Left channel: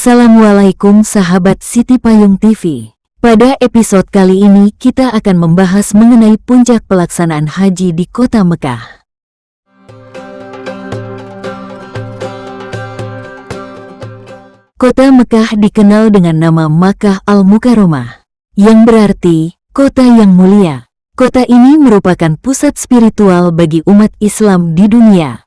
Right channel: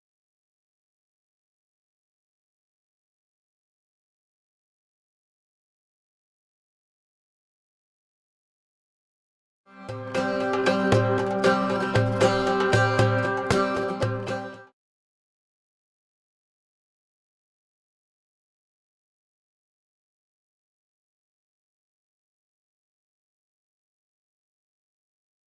Assalamualaikum sahabat Siti Payung TV. Pada episode kali ini kita akan membahas mengenai puncak pelaksanaan haji di kota Mekah. Kota Mekah dikenal dengan nama Makkah Al-Mukarramah, yang berarti kota yang mulia. Kota ini merupakan pusat spiritual bagi umat Islam di dunia.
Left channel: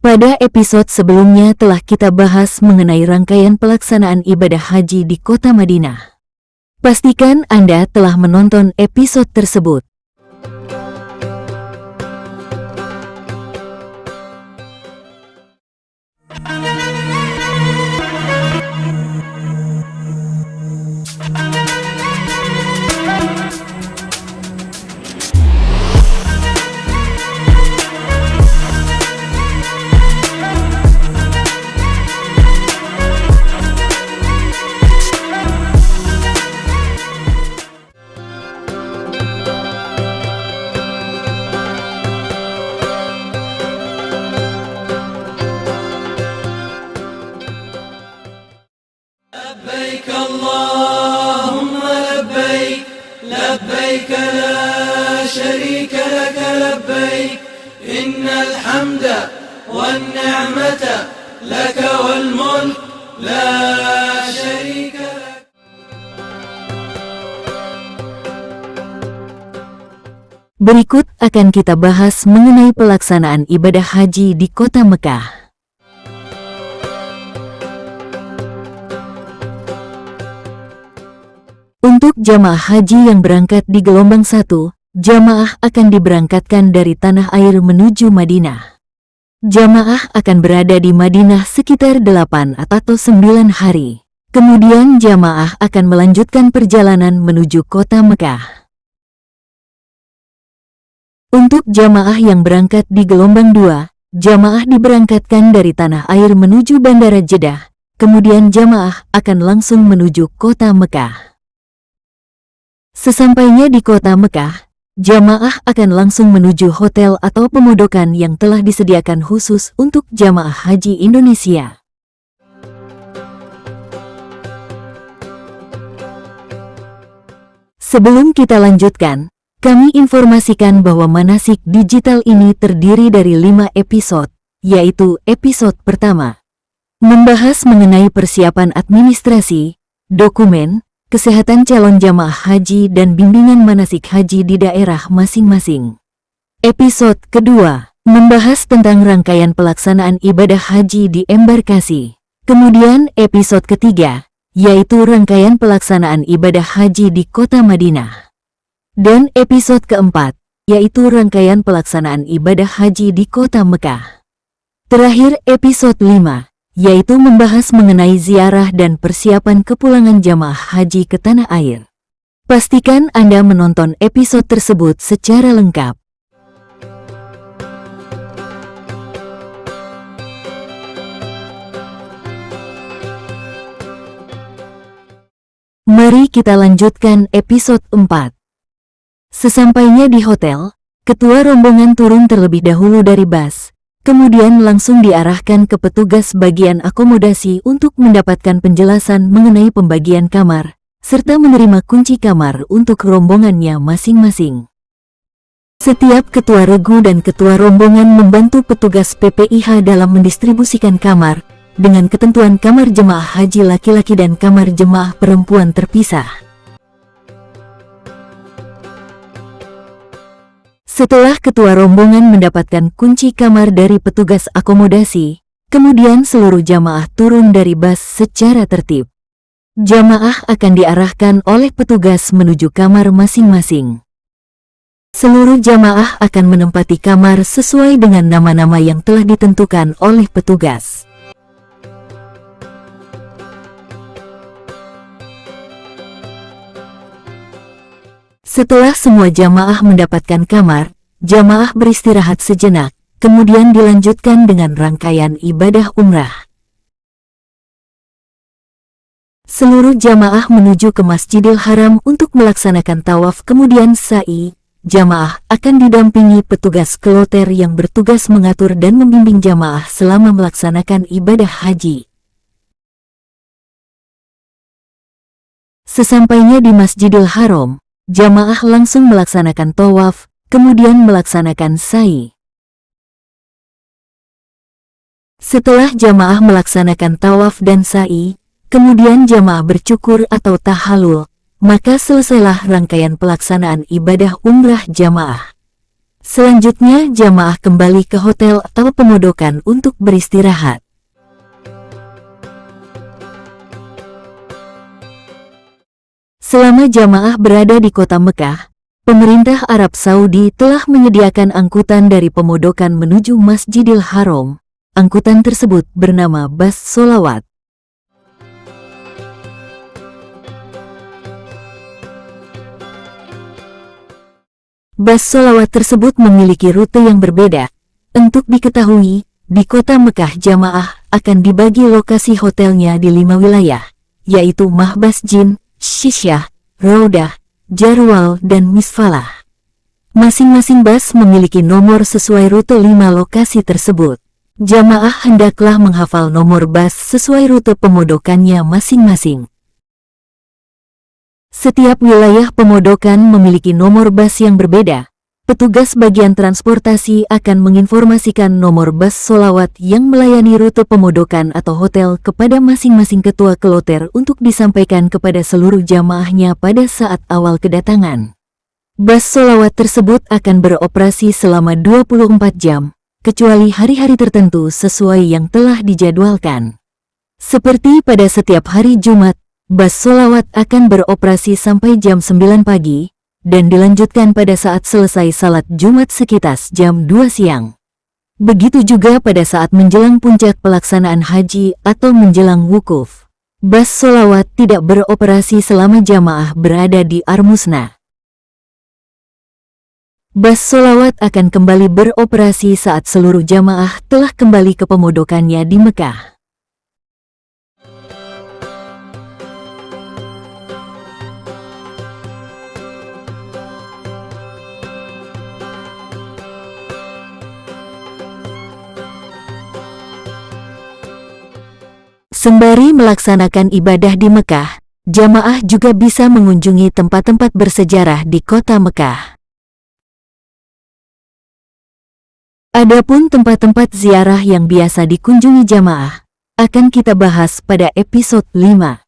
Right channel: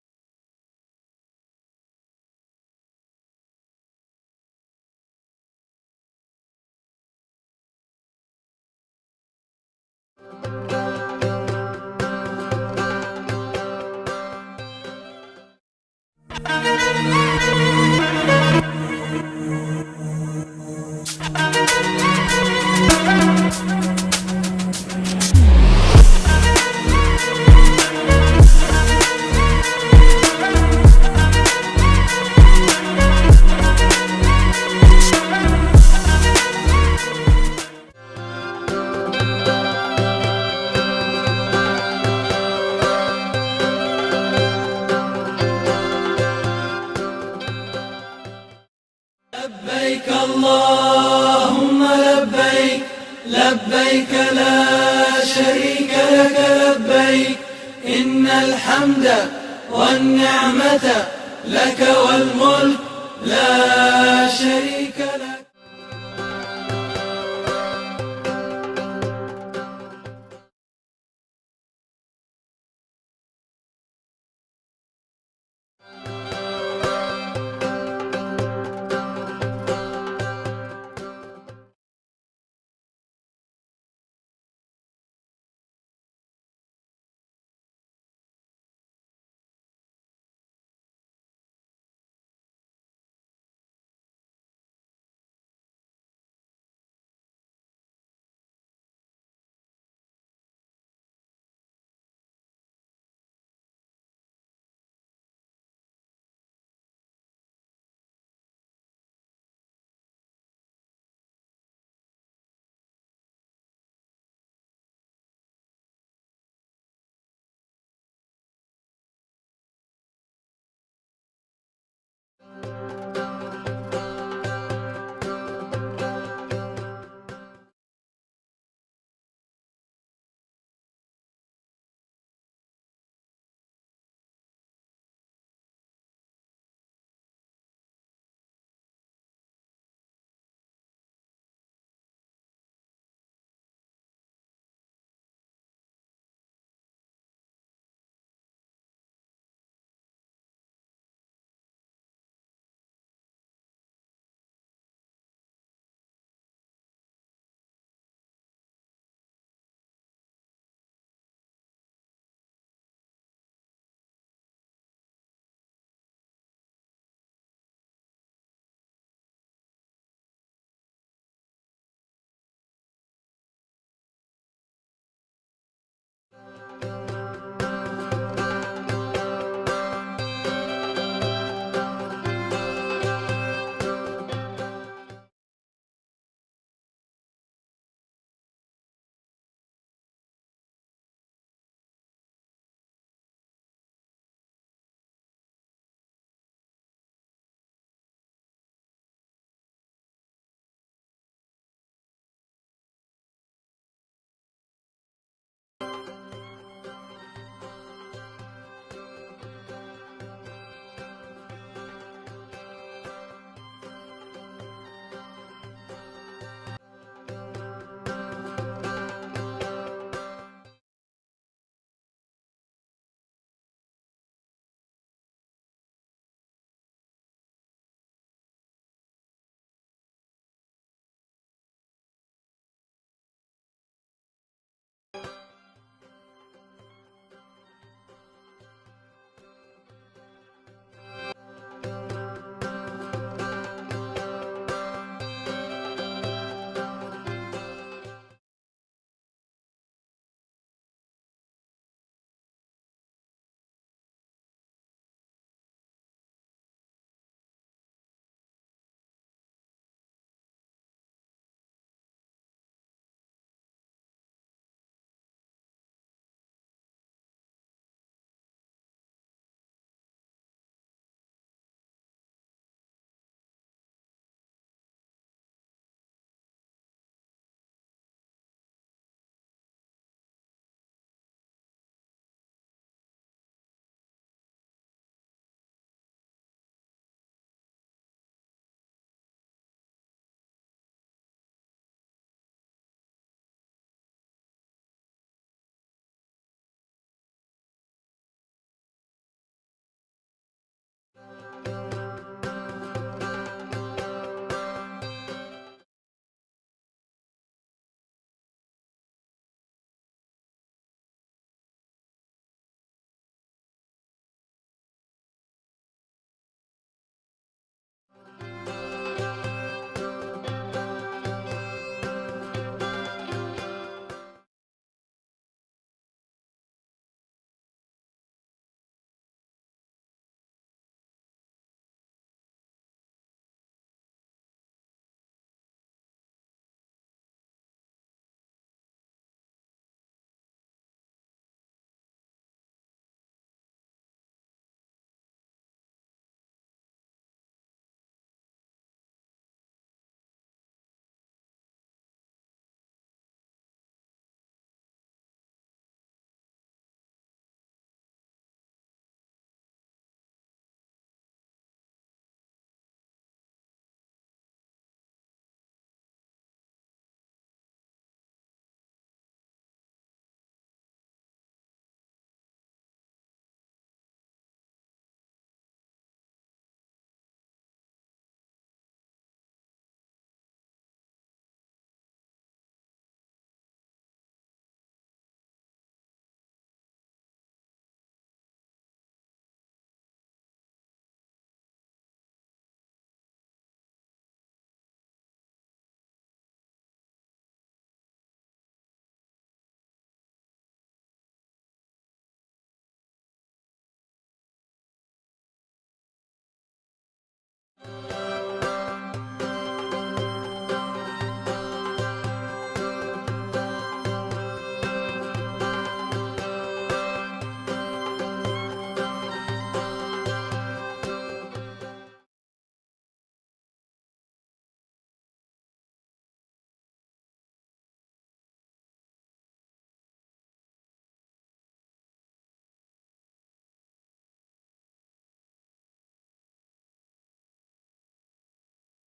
Pada episode sebelumnya telah kita bahas mengenai rangkaian pelaksanaan ibadah haji di kota Madinah. Pastikan Anda telah menonton episode tersebut. لبيك اللهم لبيك لبيك لا شريك لك لبيك إن الحمد والنعمة لك والملك لا شريك لك. Berikut akan kita bahas mengenai pelaksanaan ibadah haji di kota Mekah. Untuk jamaah haji yang berangkat di gelombang 1, jamaah akan diberangkatkan dari tanah air menuju Madinah. Jamaah akan berada di Madinah sekitar 8 atau 9 hari. Kemudian jamaah akan melanjutkan perjalanan menuju kota Mekah. Untuk jamaah yang berangkat di gelombang 2, jamaah diberangkatkan dari tanah air menuju Bandara Jeddah. Kemudian jamaah akan langsung menuju kota Mekah. Sesampainya di kota Mekah, jamaah akan langsung menuju hotel atau pemondokan yang telah disediakan khusus untuk jamaah haji Indonesia. Sebelum kita lanjutkan, kami informasikan bahwa manasik digital ini terdiri dari 5 episode, yaitu episode pertama, membahas mengenai persiapan administrasi, dokumen, kesehatan calon jamaah haji dan bimbingan manasik haji di daerah masing-masing. Episode kedua, membahas tentang rangkaian pelaksanaan ibadah haji di embarkasi. Kemudian episode ketiga, yaitu rangkaian pelaksanaan ibadah haji di kota Madinah. Dan episode keempat, yaitu rangkaian pelaksanaan ibadah haji di kota Mekah. Terakhir episode 5, yaitu membahas mengenai ziarah dan persiapan kepulangan jamaah haji ke tanah air. Pastikan Anda menonton episode tersebut secara lengkap. Mari kita lanjutkan episode 4. Sesampainya di hotel, ketua rombongan turun terlebih dahulu dari bus. Kemudian langsung diarahkan ke petugas bagian akomodasi untuk mendapatkan penjelasan mengenai pembagian kamar, serta menerima kunci kamar untuk rombongannya masing-masing. Setiap ketua regu dan ketua rombongan membantu petugas PPIH dalam mendistribusikan kamar, dengan ketentuan kamar jemaah haji laki-laki dan kamar jemaah perempuan terpisah. Setelah ketua rombongan mendapatkan kunci kamar dari petugas akomodasi, kemudian seluruh jamaah turun dari bus secara tertib. Jamaah akan diarahkan oleh petugas menuju kamar masing-masing. Seluruh jamaah akan menempati kamar sesuai dengan nama-nama yang telah ditentukan oleh petugas. Setelah semua jamaah mendapatkan kamar, jamaah beristirahat sejenak, kemudian dilanjutkan dengan rangkaian ibadah umrah. Seluruh jamaah menuju ke Masjidil Haram untuk melaksanakan tawaf kemudian sa'i, jamaah akan didampingi petugas kloter yang bertugas mengatur dan membimbing jamaah selama melaksanakan ibadah haji. Sesampainya di Masjidil Haram, jamaah langsung melaksanakan tawaf, kemudian melaksanakan sa'i. Setelah jamaah melaksanakan tawaf dan sa'i, kemudian jamaah bercukur atau tahallul, maka selesailah rangkaian pelaksanaan ibadah umrah jamaah. Selanjutnya jamaah kembali ke hotel atau pemondokan untuk beristirahat. Selama jamaah berada di kota Mekah, pemerintah Arab Saudi telah menyediakan angkutan dari pemondokan menuju Masjidil Haram. Angkutan tersebut bernama Bas Sholawat. Bas Sholawat tersebut memiliki rute yang berbeda. Untuk diketahui, di kota Mekah jamaah akan dibagi lokasi hotelnya di 5 wilayah, yaitu Mahbas Jin, Syisyah, Raudah, Jarwal, dan Misfalah. Masing-masing bas memiliki nomor sesuai rute 5 lokasi tersebut. Jamaah hendaklah menghafal nomor bas sesuai rute pemondokannya masing-masing. Setiap wilayah pemondokan memiliki nomor bas yang berbeda. Petugas bagian transportasi akan menginformasikan nomor bas sholawat yang melayani rute pemondokan atau hotel kepada masing-masing ketua kloter untuk disampaikan kepada seluruh jamaahnya pada saat awal kedatangan. Bas sholawat tersebut akan beroperasi selama 24 jam, kecuali hari-hari tertentu sesuai yang telah dijadwalkan. Seperti pada setiap hari Jumat, bas sholawat akan beroperasi sampai jam 9 pagi, dan dilanjutkan pada saat selesai salat Jumat sekitar jam 2 siang. Begitu juga pada saat menjelang puncak pelaksanaan haji atau menjelang wukuf. Bas sholawat tidak beroperasi selama jamaah berada di Armusna. Bas sholawat akan kembali beroperasi saat seluruh jamaah telah kembali ke pemondokannya di Mekah. Sembari melaksanakan ibadah di Mekah, jamaah juga bisa mengunjungi tempat-tempat bersejarah di kota Mekah. Adapun tempat-tempat ziarah yang biasa dikunjungi jamaah, akan kita bahas pada episode 5.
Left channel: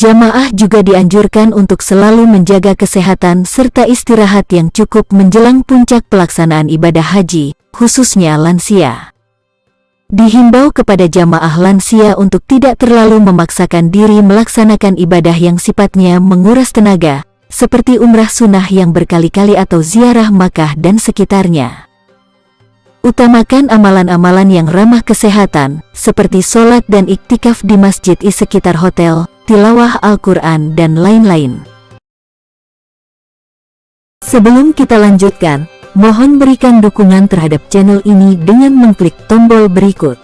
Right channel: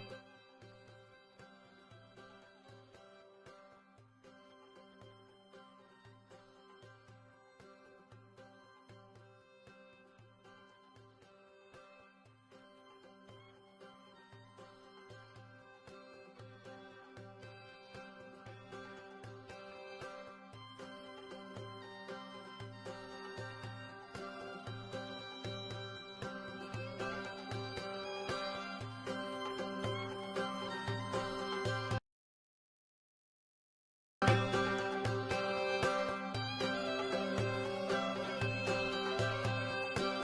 Jamaah juga dianjurkan untuk selalu menjaga kesehatan serta istirahat yang cukup menjelang puncak pelaksanaan ibadah haji, khususnya lansia. Dihimbau kepada jamaah lansia untuk tidak terlalu memaksakan diri melaksanakan ibadah yang sifatnya menguras tenaga, seperti umrah sunnah yang berkali-kali atau ziarah Makkah dan sekitarnya. Utamakan amalan-amalan yang ramah kesehatan, seperti sholat dan iktikaf di masjid di sekitar hotel, tilawah Al-Quran, dan lain-lain. Sebelum kita lanjutkan, mohon berikan dukungan terhadap channel ini dengan mengklik tombol berikut.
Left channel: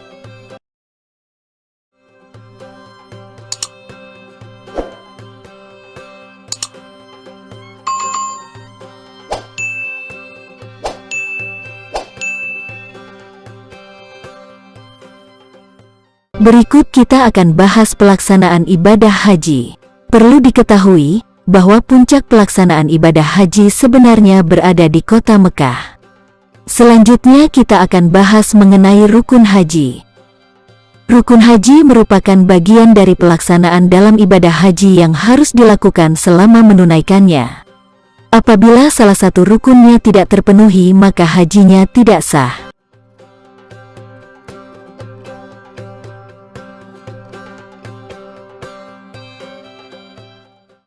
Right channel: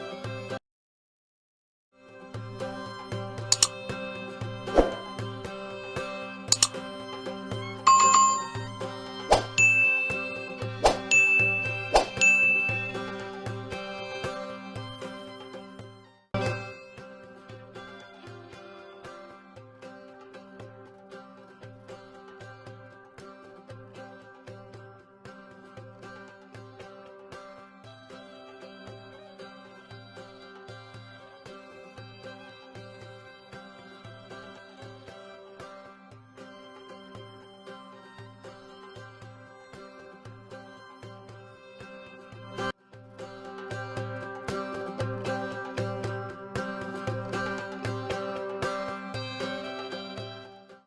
Berikut kita akan bahas pelaksanaan ibadah haji. Perlu diketahui bahwa puncak pelaksanaan ibadah haji sebenarnya berada di kota Mekah. Selanjutnya kita akan bahas mengenai rukun haji. Rukun haji merupakan bagian dari pelaksanaan dalam ibadah haji yang harus dilakukan selama menunaikannya. Apabila salah satu rukunnya tidak terpenuhi, maka hajinya tidak sah.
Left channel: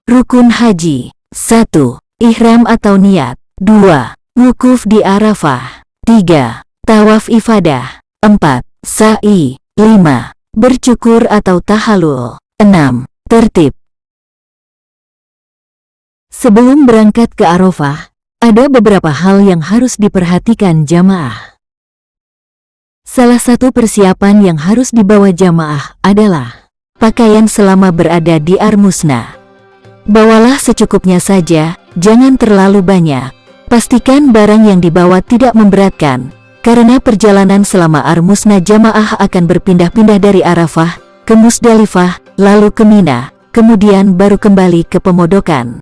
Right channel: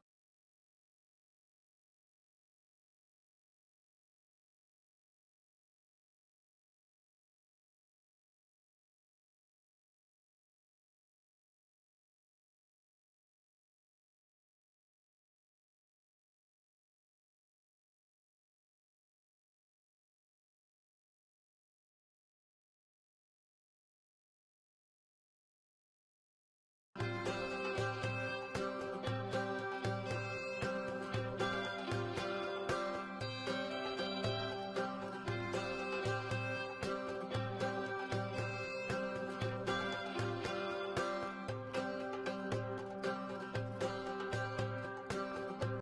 Rukun haji. 1. Ihram atau niat. 2. Wukuf di Arafah. 3. Tawaf ifadah. 4. Sa'i. 5. Bercukur atau tahallul. 6. Tertib. Sebelum berangkat ke Arafah, ada beberapa hal yang harus diperhatikan jamaah. Salah satu persiapan yang harus dibawa jamaah adalah pakaian selama berada di Armusna. Bawalah secukupnya saja, jangan terlalu banyak. Pastikan barang yang dibawa tidak memberatkan, karena perjalanan selama Armusna jamaah akan berpindah-pindah dari Arafah ke Musdalifah, lalu ke Mina, kemudian baru kembali ke pemondokan.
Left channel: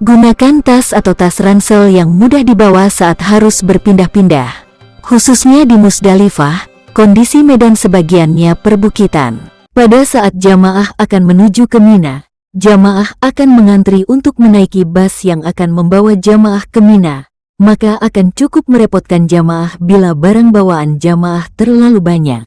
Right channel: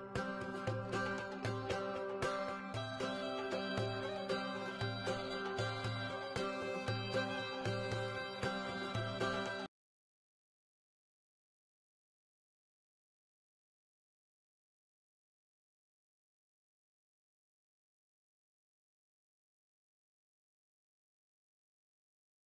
Gunakan tas atau tas ransel yang mudah dibawa saat harus berpindah-pindah. Khususnya di Musdalifah, kondisi medan sebagiannya perbukitan. Pada saat jamaah akan menuju ke Mina, jamaah akan mengantri untuk menaiki bas yang akan membawa jamaah ke Mina, maka akan cukup merepotkan jamaah bila barang bawaan jamaah terlalu banyak.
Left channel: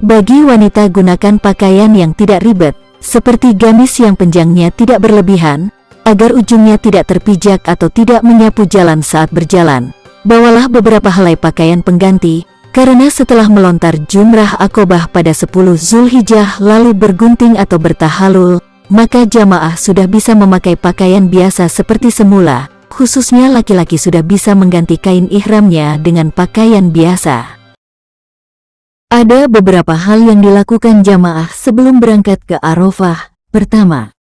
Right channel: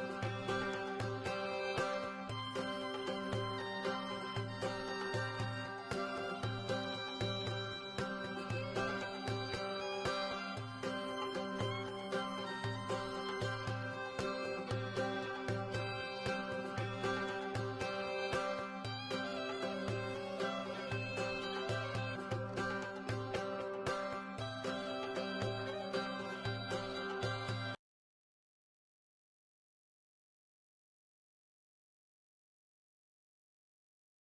Bagi wanita, gunakan pakaian yang tidak ribet, seperti gamis yang panjangnya tidak berlebihan, agar ujungnya tidak terpijak atau tidak menyapu jalan saat berjalan. Bawalah beberapa helai pakaian pengganti, karena setelah melontar jumrah Aqobah pada 10 Zulhijjah lalu bergunting atau bertahalul, maka jamaah sudah bisa memakai pakaian biasa seperti semula, khususnya laki-laki sudah bisa mengganti kain ihramnya dengan pakaian biasa. Ada beberapa hal yang dilakukan jamaah sebelum berangkat ke Arafah. Pertama,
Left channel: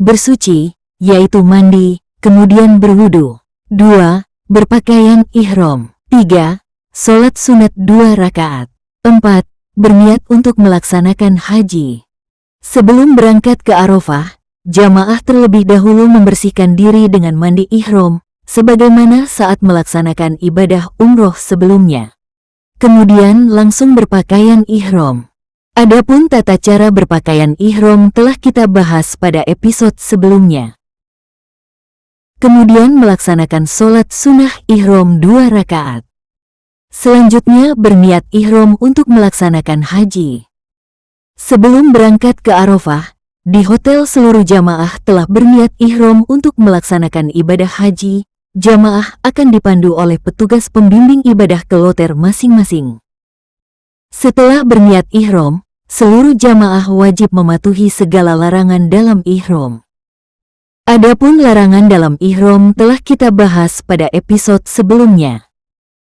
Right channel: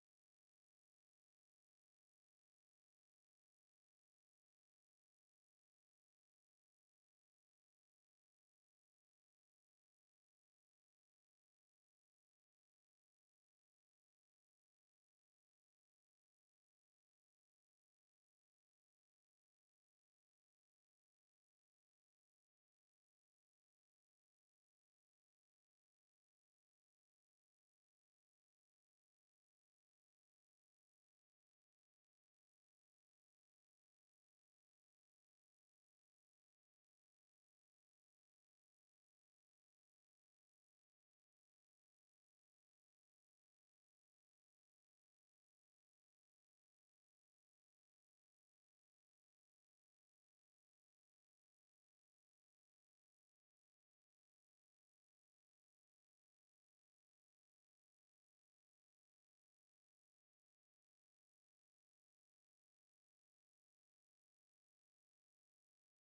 bersuci, yaitu mandi, kemudian berwudu. 2. Berpakaian ihram. 3. Sholat sunat 2 rakaat. 4. Berniat untuk melaksanakan haji. Sebelum berangkat ke Arafah, jamaah terlebih dahulu membersihkan diri dengan mandi ihram, sebagaimana saat melaksanakan ibadah umroh sebelumnya. Kemudian langsung berpakaian ihram. Adapun tata cara berpakaian ihram telah kita bahas pada episode sebelumnya. Kemudian melaksanakan sholat sunnah ihram 2 rakaat. Selanjutnya berniat ihram untuk melaksanakan haji. Sebelum berangkat ke Arafah, di hotel seluruh jamaah telah berniat ihram untuk melaksanakan ibadah haji. Jamaah akan dipandu oleh petugas pembimbing ibadah ke kloter masing-masing. Setelah berniat ihram, seluruh jamaah wajib mematuhi segala larangan dalam ihram. Adapun larangan dalam ihram telah kita bahas pada episode sebelumnya.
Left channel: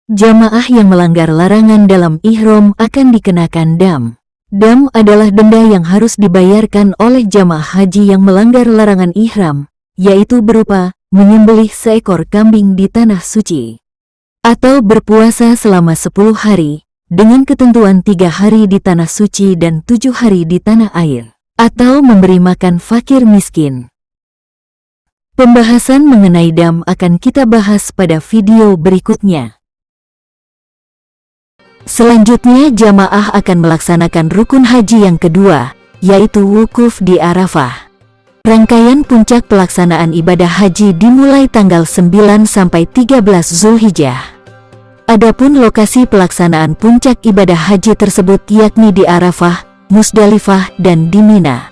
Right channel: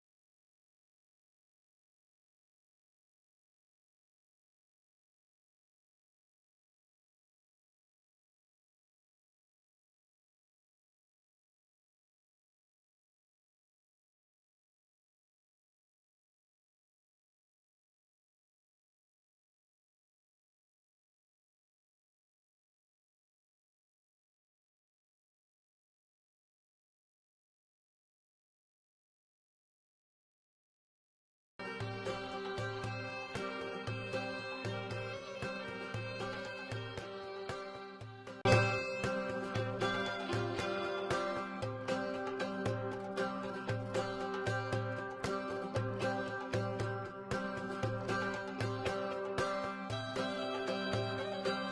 Jamaah yang melanggar larangan dalam ihram akan dikenakan dam. Dam adalah denda yang harus dibayarkan oleh jamaah haji yang melanggar larangan ihram, yaitu berupa menyembelih seekor kambing di tanah suci, atau berpuasa selama 10 hari, dengan ketentuan 3 hari di tanah suci dan 7 hari di tanah air, atau memberi makan fakir miskin. Pembahasan mengenai dam akan kita bahas pada video berikutnya. Selanjutnya jamaah akan melaksanakan rukun haji yang kedua, yaitu wukuf di Arafah. Rangkaian puncak pelaksanaan ibadah haji dimulai tanggal 9 sampai 13 Zulhijjah. Adapun lokasi pelaksanaan puncak ibadah haji tersebut yakni di Arafah, Musdalifah, dan di Mina,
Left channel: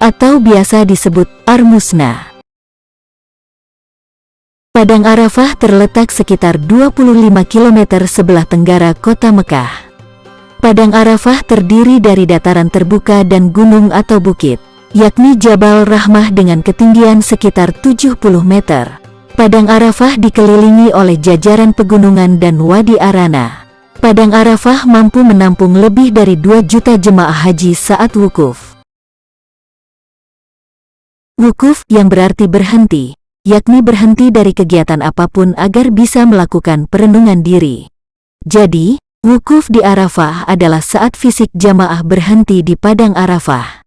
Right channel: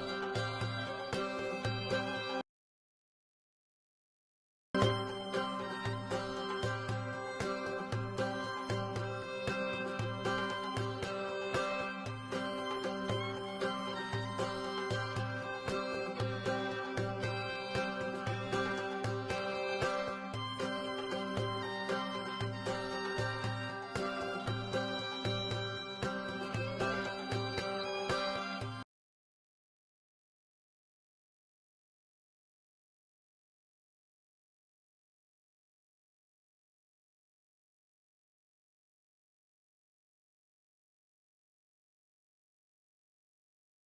atau biasa disebut Armusna. Padang Arafah terletak sekitar 25 km sebelah tenggara kota Mekah. Padang Arafah terdiri dari dataran terbuka dan gunung atau bukit, yakni Jabal Rahmah dengan ketinggian sekitar 70 meter. Padang Arafah dikelilingi oleh jajaran pegunungan dan Wadi Arana. Padang Arafah mampu menampung lebih dari 2 juta jemaah haji saat wukuf. Wukuf yang berarti berhenti, yakni berhenti dari kegiatan apapun agar bisa melakukan perenungan diri. Jadi, wukuf di Arafah adalah saat fisik jamaah berhenti di Padang Arafah.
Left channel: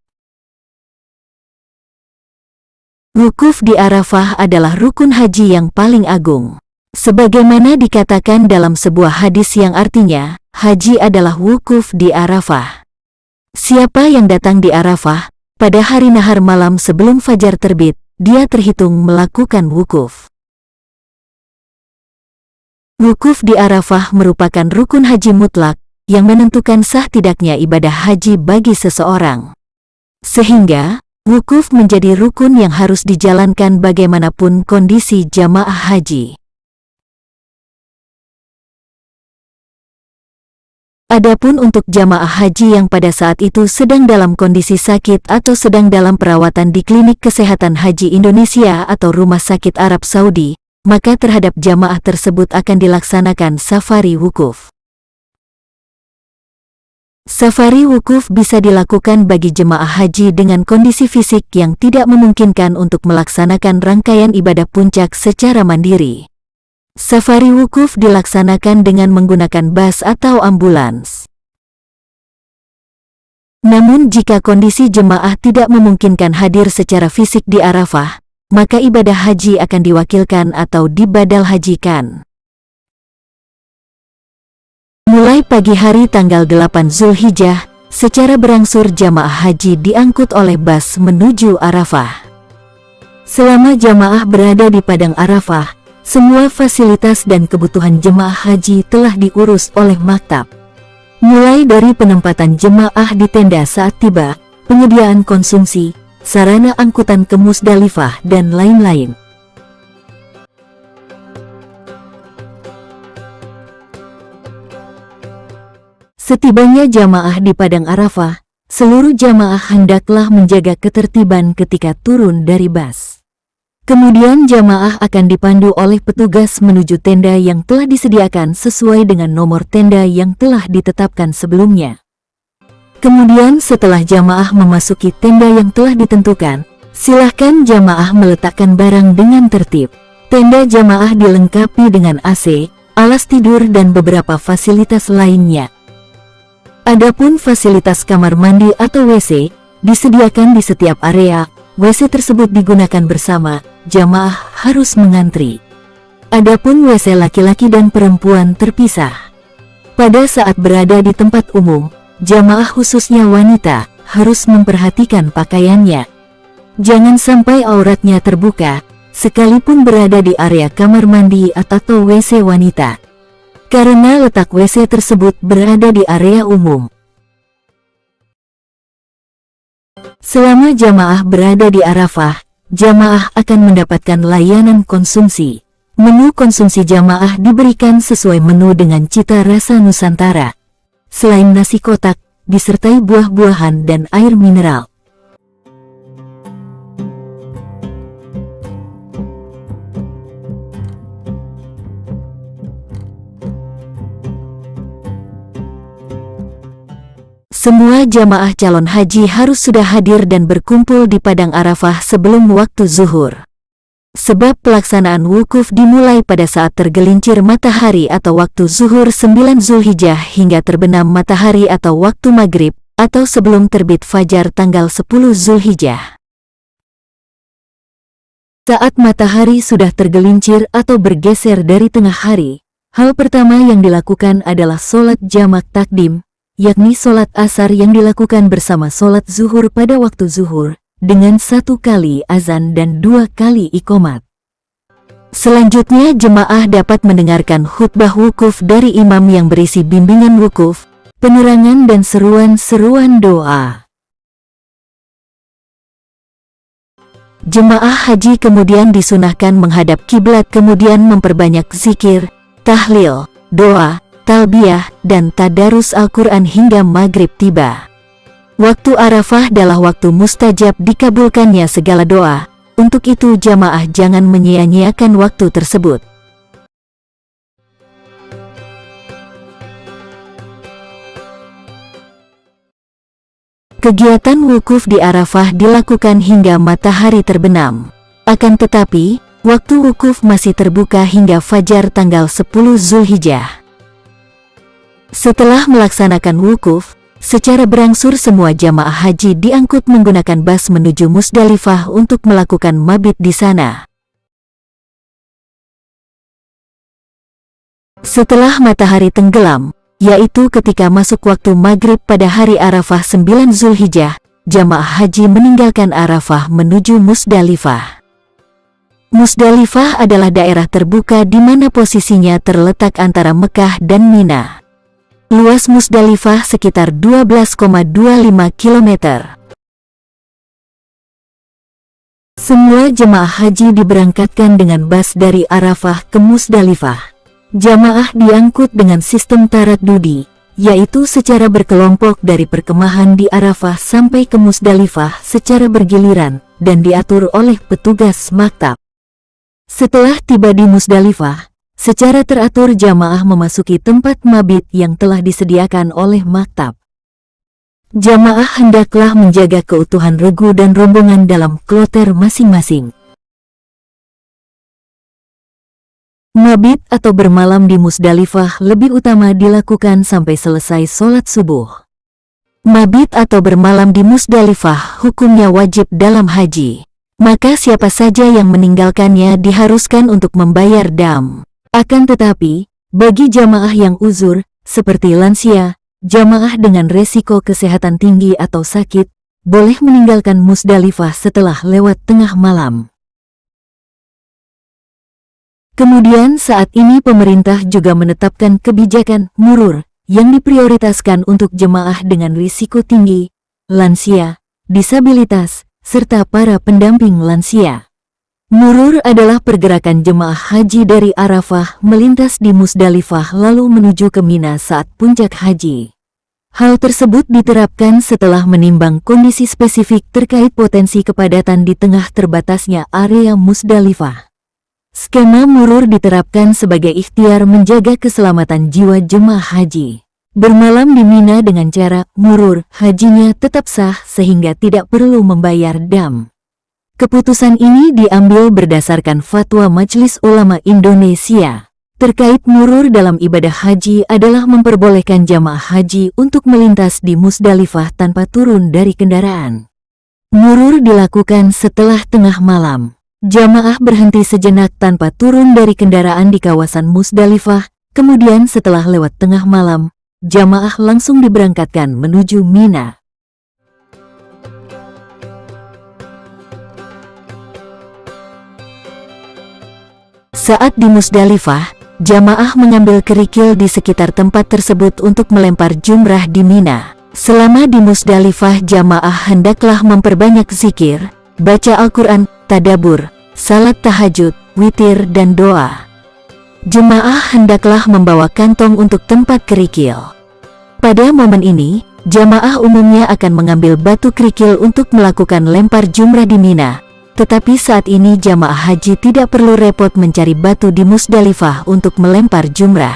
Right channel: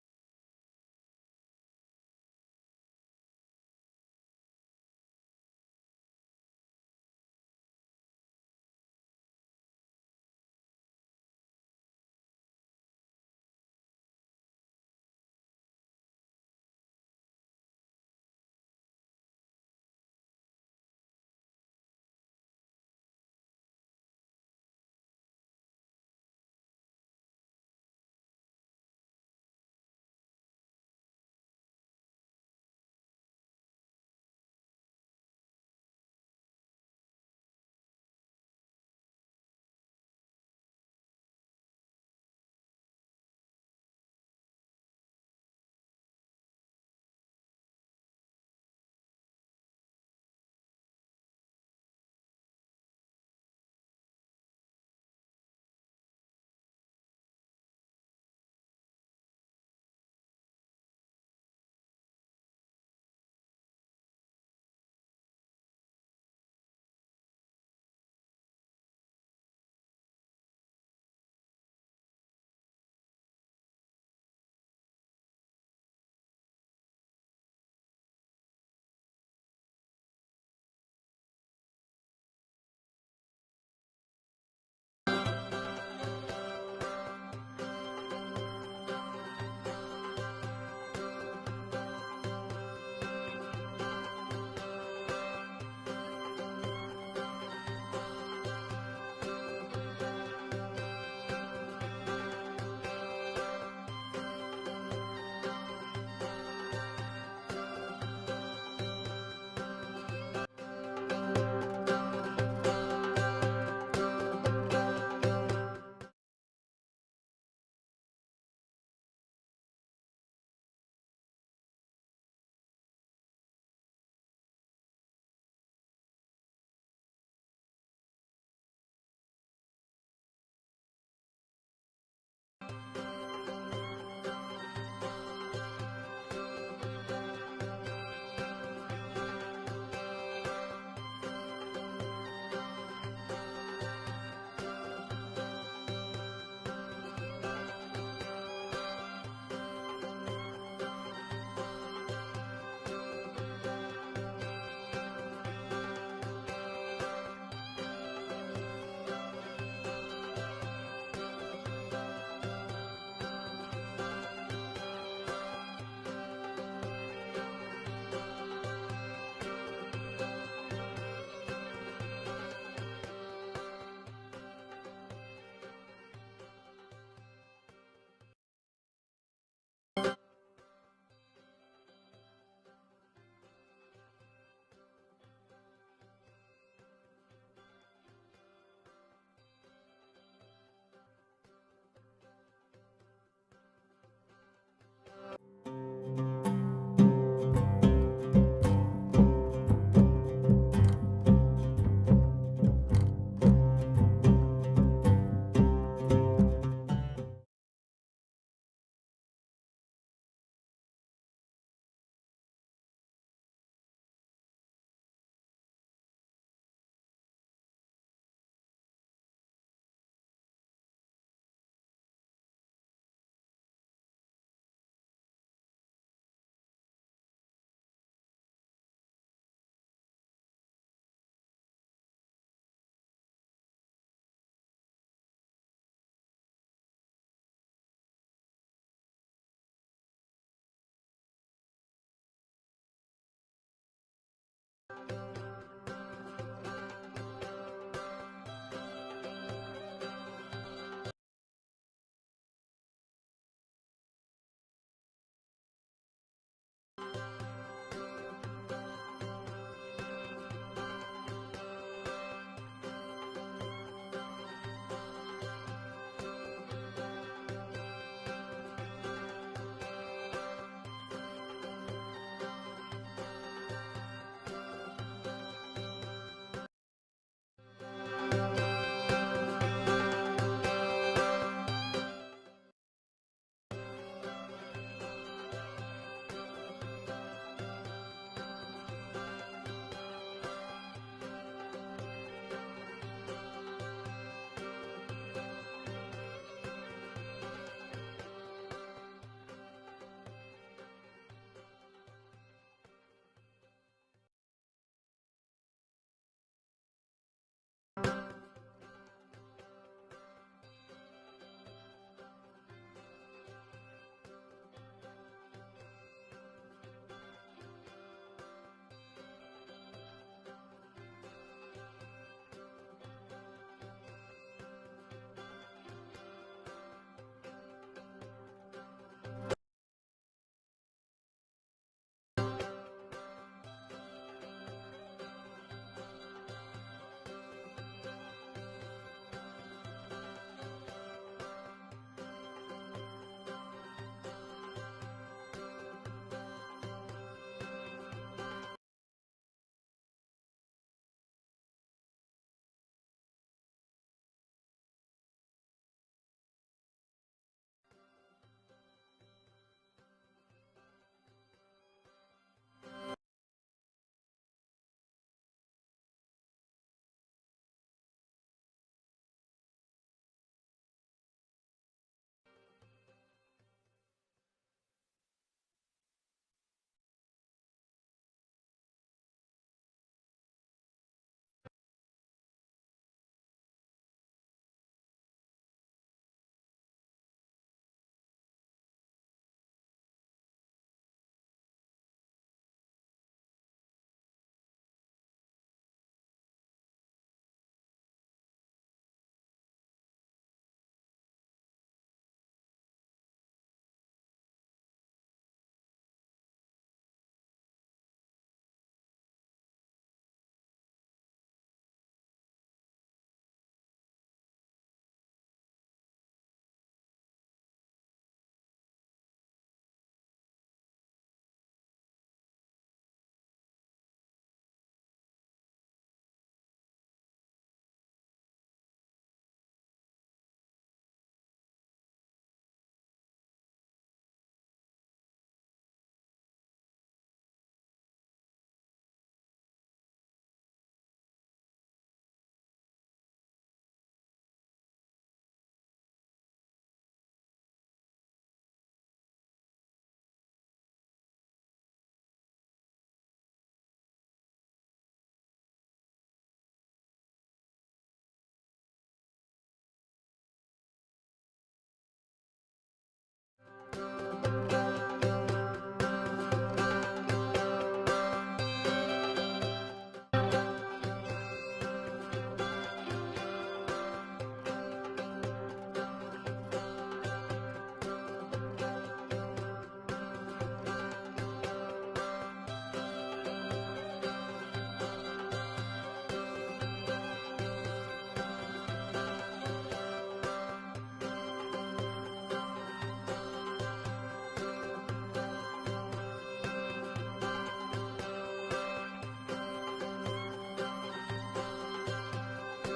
Wukuf di Arafah adalah rukun haji yang paling agung. Sebagaimana dikatakan dalam sebuah hadis yang artinya, haji adalah wukuf di Arafah. Siapa yang datang di Arafah, pada hari nahar malam sebelum fajar terbit, dia terhitung melakukan wukuf. Wukuf di Arafah merupakan rukun haji mutlak, yang menentukan sah tidaknya ibadah haji bagi seseorang. Sehingga, wukuf menjadi rukun yang harus dijalankan bagaimanapun kondisi jamaah haji. Adapun untuk jamaah haji yang pada saat itu sedang dalam kondisi sakit atau sedang dalam perawatan di Klinik Kesehatan Haji Indonesia atau Rumah Sakit Arab Saudi, maka terhadap jamaah tersebut akan dilaksanakan safari wukuf. Safari wukuf bisa dilakukan bagi jemaah haji dengan kondisi fisik yang tidak memungkinkan untuk melaksanakan rangkaian ibadah puncak secara mandiri. Safari wukuf dilaksanakan dengan menggunakan bus atau ambulans. Namun jika kondisi jemaah tidak memungkinkan hadir secara fisik di Arafah, maka ibadah haji akan diwakilkan atau dibadal hajikan. Mulai pagi hari tanggal 8 Zulhijjah, secara berangsur jamaah haji diangkut oleh bus menuju Arafah. Selama jamaah berada di padang Arafah, semua fasilitas dan kebutuhan jemaah haji telah diurus oleh maktab. Mulai dari penempatan jemaah di tenda saat tiba, penyediaan konsumsi, sarana angkutan ke Musdalifah, dan lain-lain. Setibanya jamaah di padang Arafah, seluruh jamaah hendaklah menjaga ketertiban ketika turun dari bus. Kemudian jamaah akan dipandu oleh petugas menuju tenda yang telah disediakan sesuai dengan nomor tenda yang telah ditetapkan sebelumnya. Kemudian setelah jamaah memasuki tenda yang telah ditentukan, silahkan jamaah meletakkan barang dengan tertib. Tenda jamaah dilengkapi dengan AC, alas tidur dan beberapa fasilitas lainnya. Adapun fasilitas kamar mandi atau WC disediakan di setiap area. WC tersebut digunakan bersama, jamaah harus mengantri. Adapun WC laki-laki dan perempuan terpisah. Pada saat berada di tempat umum, jamaah khususnya wanita harus memperhatikan pakaiannya. Jangan sampai auratnya terbuka, sekalipun berada di area kamar mandi atau WC wanita. Karena letak WC tersebut berada di area umum. Selama jamaah berada di Arafah, jamaah akan mendapatkan layanan konsumsi. Menu konsumsi jamaah diberikan sesuai menu dengan cita rasa Nusantara. Selain nasi kotak, disertai buah-buahan dan air mineral. Semua jamaah calon haji harus sudah hadir dan berkumpul di padang Arafah sebelum waktu zuhur. Sebab pelaksanaan wukuf dimulai pada saat tergelincir matahari atau waktu zuhur 9 Zulhijjah hingga terbenam matahari atau waktu maghrib, atau sebelum terbit fajar tanggal 10 Zulhijjah. Saat matahari sudah tergelincir atau bergeser dari tengah hari, hal pertama yang dilakukan adalah sholat jamak takdim, yakni sholat asar yang dilakukan bersama sholat zuhur pada waktu zuhur, dengan 1 kali azan dan 2 kali iqomat. Selanjutnya jemaah dapat mendengarkan khutbah wukuf dari imam yang berisi bimbingan wukuf, penerangan dan seruan-seruan doa. Jemaah haji kemudian disunahkan menghadap kiblat, kemudian memperbanyak zikir, tahlil, doa, talbiyah, dan tadarus Al-Quran hingga maghrib tiba. Waktu Arafah adalah waktu mustajab dikabulkannya segala doa, untuk itu jamaah jangan menyia-nyiakan waktu tersebut. Kegiatan wukuf di Arafah dilakukan hingga matahari terbenam. Akan tetapi, waktu wukuf masih terbuka hingga fajar tanggal 10 Zulhijjah. Setelah melaksanakan wukuf, secara berangsur semua jamaah haji diangkut menggunakan bus menuju Musdalifah untuk melakukan mabit di sana. Setelah matahari tenggelam, yaitu ketika masuk waktu maghrib pada hari Arafah 9 Zulhijjah, jamaah haji meninggalkan Arafah menuju Musdalifah. Musdalifah adalah daerah terbuka di mana posisinya terletak antara Mekah dan Mina. Luas Musdalifah sekitar 12,25 km. Semua jemaah haji diberangkatkan dengan bus dari Arafah ke Musdalifah. Jamaah diangkut dengan sistem taraddudi, yaitu secara berkelompok dari perkemahan di Arafah sampai ke Musdalifah secara bergiliran, dan diatur oleh petugas maktab. Setelah tiba di Musdalifah, secara teratur jamaah memasuki tempat mabit yang telah disediakan oleh maktab. Jamaah hendaklah menjaga keutuhan regu dan rombongan dalam kloter masing-masing. Mabit atau bermalam di Musdalifah lebih utama dilakukan sampai selesai sholat subuh. Mabit atau bermalam di Musdalifah hukumnya wajib dalam haji. Maka siapa saja yang meninggalkannya diharuskan untuk membayar dam. Akan tetapi, bagi jamaah yang uzur, seperti lansia, jamaah dengan resiko kesehatan tinggi atau sakit, boleh meninggalkan Musdalifah setelah lewat tengah malam. Kemudian saat ini pemerintah juga menetapkan kebijakan murur yang diprioritaskan untuk jemaah dengan risiko tinggi, lansia, disabilitas, serta para pendamping lansia. Murur adalah pergerakan jemaah haji dari Arafah melintas di Musdalifah lalu menuju ke Mina saat puncak haji. Hal tersebut diterapkan setelah menimbang kondisi spesifik terkait potensi kepadatan di tengah terbatasnya area Musdalifah. Skema murur diterapkan sebagai ikhtiar menjaga keselamatan jiwa jemaah haji. Bermalam di Mina dengan cara murur, hajinya tetap sah sehingga tidak perlu membayar dam. Keputusan ini diambil berdasarkan fatwa Majelis Ulama Indonesia. Terkait murur dalam ibadah haji adalah memperbolehkan jamaah haji untuk melintas di Musdalifah tanpa turun dari kendaraan. Murur dilakukan setelah tengah malam. Jamaah berhenti sejenak tanpa turun dari kendaraan di kawasan Musdalifah, kemudian setelah lewat tengah malam, jamaah langsung diberangkatkan menuju Mina. Saat di Musdalifah, jamaah mengambil kerikil di sekitar tempat tersebut untuk melempar jumrah di Mina. Selama di Musdalifah, jamaah hendaklah memperbanyak zikir, baca Al-Quran, tadabur, salat tahajud, witir, dan doa. Jemaah hendaklah membawa kantong untuk tempat kerikil. Pada momen ini, jamaah umumnya akan mengambil batu kerikil untuk melakukan lempar jumrah di Mina. Tetapi saat ini jamaah haji tidak perlu repot mencari batu di Musdalifah untuk melempar jumrah.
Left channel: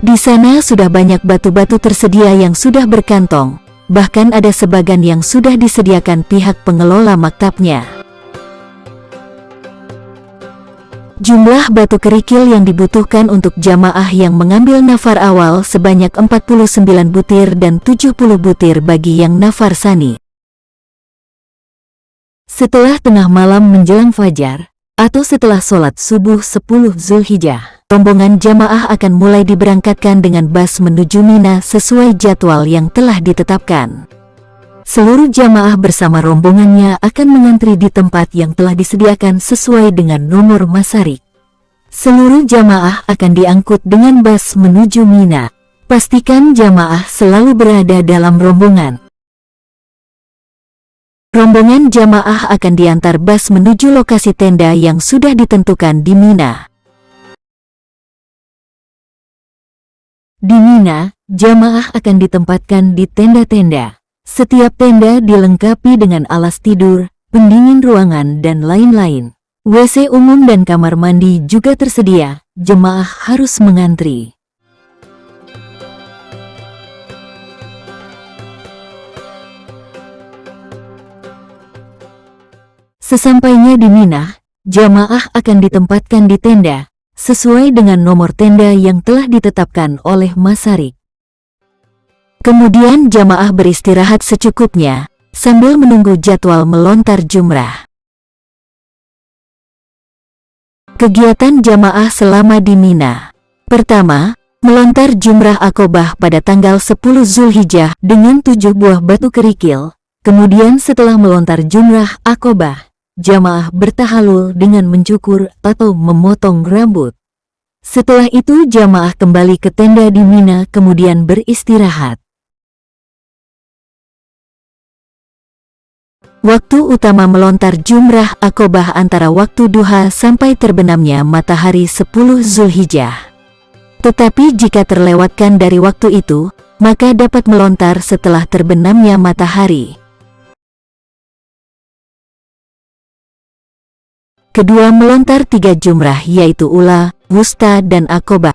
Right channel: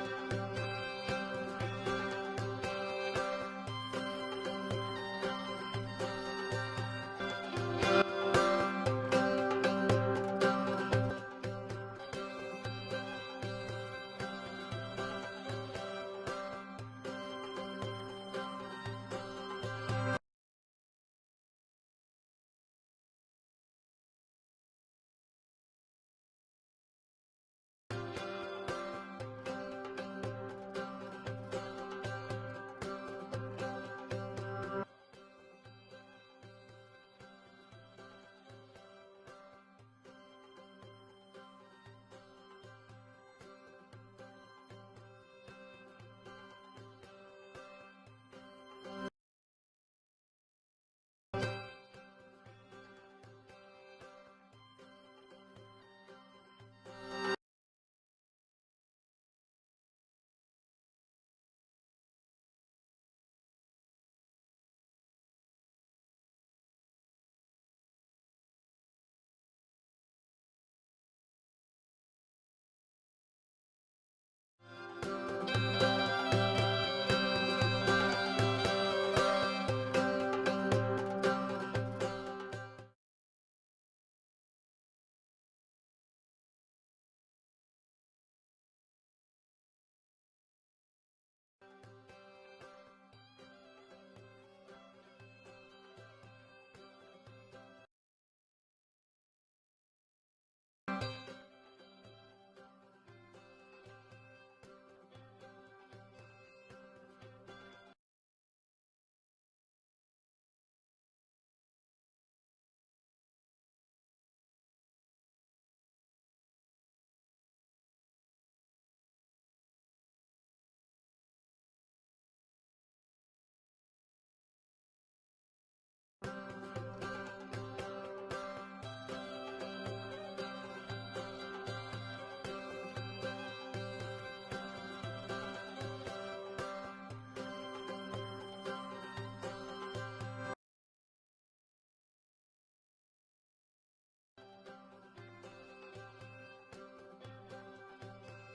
Di sana sudah banyak batu-batu tersedia yang sudah berkantong, bahkan ada sebagian yang sudah disediakan pihak pengelola maktabnya. Jumlah batu kerikil yang dibutuhkan untuk jamaah yang mengambil nafar awal sebanyak 49 butir dan 70 butir bagi yang nafar sani. Setelah tengah malam menjelang fajar, atau setelah sholat subuh 10 Zulhijjah, rombongan jamaah akan mulai diberangkatkan dengan bas menuju Mina sesuai jadwal yang telah ditetapkan. Seluruh jamaah bersama rombongannya akan mengantri di tempat yang telah disediakan sesuai dengan nomor masarik. Seluruh jamaah akan diangkut dengan bas menuju Mina. Pastikan jamaah selalu berada dalam rombongan. Rombongan jamaah akan diantar bas menuju lokasi tenda yang sudah ditentukan di Mina. Di Mina, jamaah akan ditempatkan di tenda-tenda. Setiap tenda dilengkapi dengan alas tidur, pendingin ruangan, dan lain-lain. WC umum dan kamar mandi juga tersedia, jemaah harus mengantri. Sesampainya di Mina, jamaah akan ditempatkan di tenda, sesuai dengan nomor tenda yang telah ditetapkan oleh masarik. Kemudian jamaah beristirahat secukupnya, sambil menunggu jadwal melontar jumrah. Kegiatan jamaah selama di Mina. Pertama, melontar jumrah Aqobah pada tanggal 10 Zulhijjah dengan 7 buah batu kerikil. Kemudian setelah melontar jumrah Aqobah, jamaah bertahalul dengan mencukur atau memotong rambut. Setelah itu jamaah kembali ke tenda di Mina kemudian beristirahat. Waktu utama melontar jumrah Aqobah antara waktu duha sampai terbenamnya matahari 10 Zulhijjah. Tetapi jika terlewatkan dari waktu itu, maka dapat melontar setelah terbenamnya matahari. Kedua, melontar 3 jumrah yaitu Ula, Wusta, dan Aqobah.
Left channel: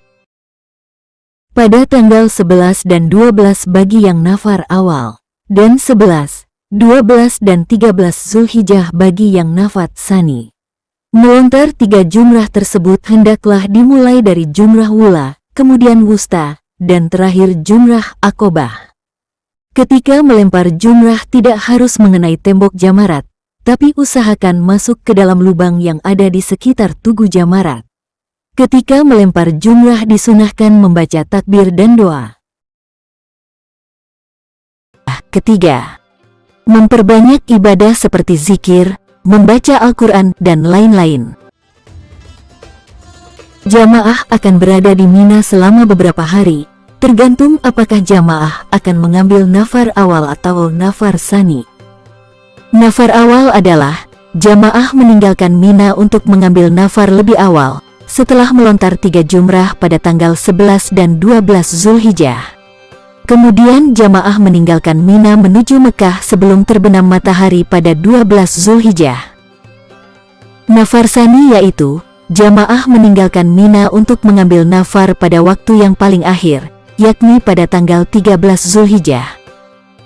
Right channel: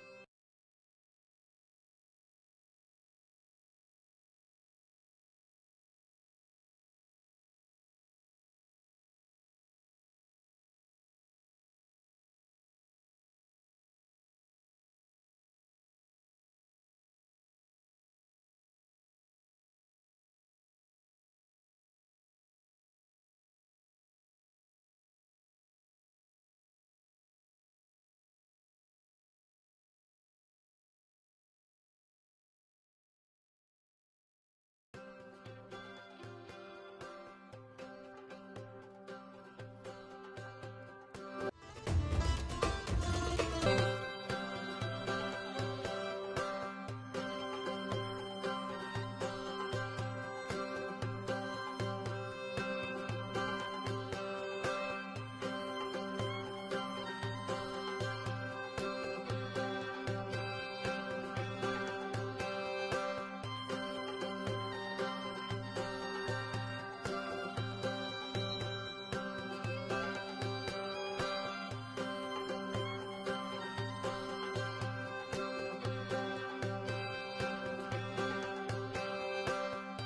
Pada tanggal 11 dan 12 bagi yang nafar awal. dan 11, 12 dan 13 Zulhijjah bagi yang nafat tsani. Melontar 3 jumrah tersebut hendaklah dimulai dari jumrah wula, kemudian wusta, dan terakhir jumrah aqobah. Ketika melempar jumrah tidak harus mengenai tembok jamarat, tapi usahakan masuk ke dalam lubang yang ada di sekitar tugu jamarat. Ketika melempar jumrah disunahkan membaca takbir dan doa. Ketiga, memperbanyak ibadah seperti zikir, membaca Al-Quran, dan lain-lain. Jamaah akan berada di Mina selama beberapa hari, tergantung apakah jamaah akan mengambil nafar awal atau nafar tsani. Nafar awal adalah jamaah meninggalkan Mina untuk mengambil nafar lebih awal, setelah melontar 3 jumrah pada tanggal 11 dan 12 Zulhijjah. Kemudian jamaah meninggalkan Mina menuju Mekah sebelum terbenam matahari pada 12 Zulhijjah. Nafar tsani yaitu jamaah meninggalkan Mina untuk mengambil nafar pada waktu yang paling akhir, yakni pada tanggal 13 Zulhijjah.